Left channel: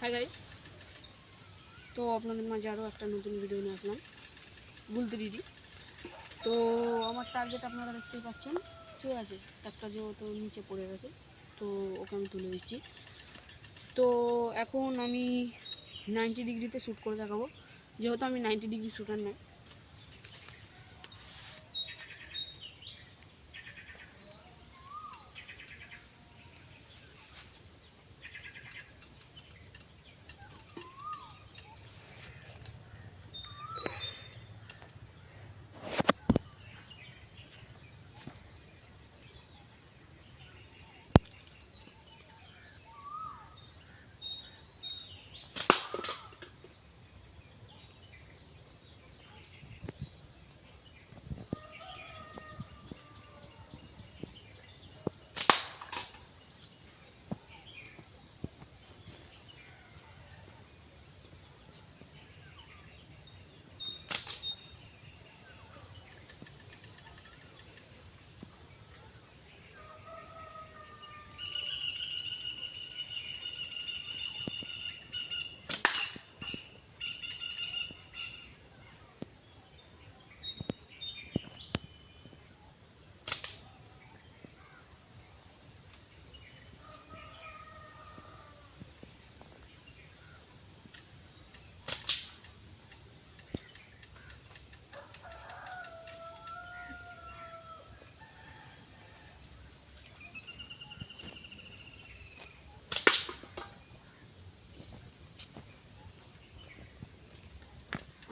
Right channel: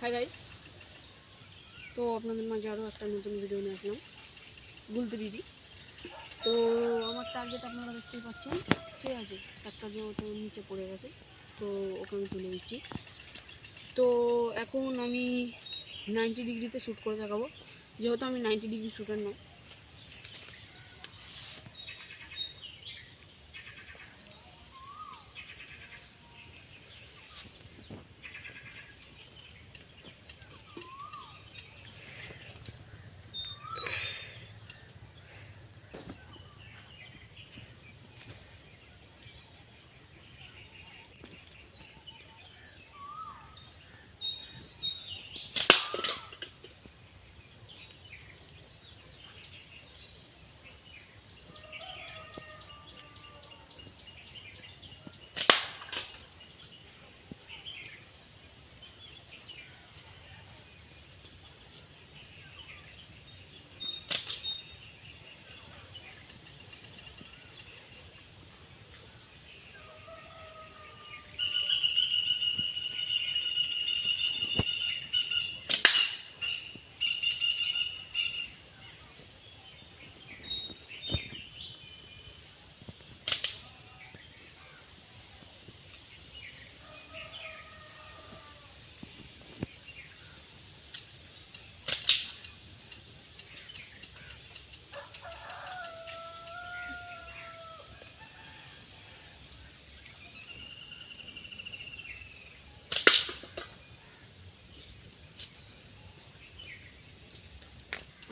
Hi guys, তো আপনাদের মাঝে আরও একটা নতুন ভিডিও নিয়ে আসলাম গুলতিরিটি। তো আমার টার্গেট আপনারা দেখতেই পাচ্ছেন, ঠিক আছে। একটা যেহেতু নিচে পড়ে গেছে, তো ওকে আমি তুলে দিচ্ছি। তো এখন আমি 90 ডিগ্রিতে শ্যুট করে দেখাবো, যেহেতু আমি 90 ডিগ্রি শ্যুটার নয়।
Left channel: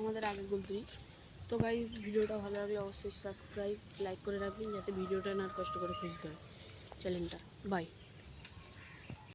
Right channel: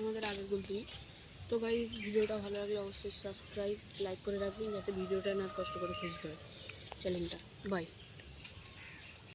আমাদের আগের গুলতিরি। তো গাইস, ভিডিওটা ভালো লাগলে অবশ্যই সাবস্ক্রাইব লাইক করে রাখবেন, যাতে ভিডিওটা না কষ্ট করে খুঁজতে হয় চ্যানেলটা। বাই।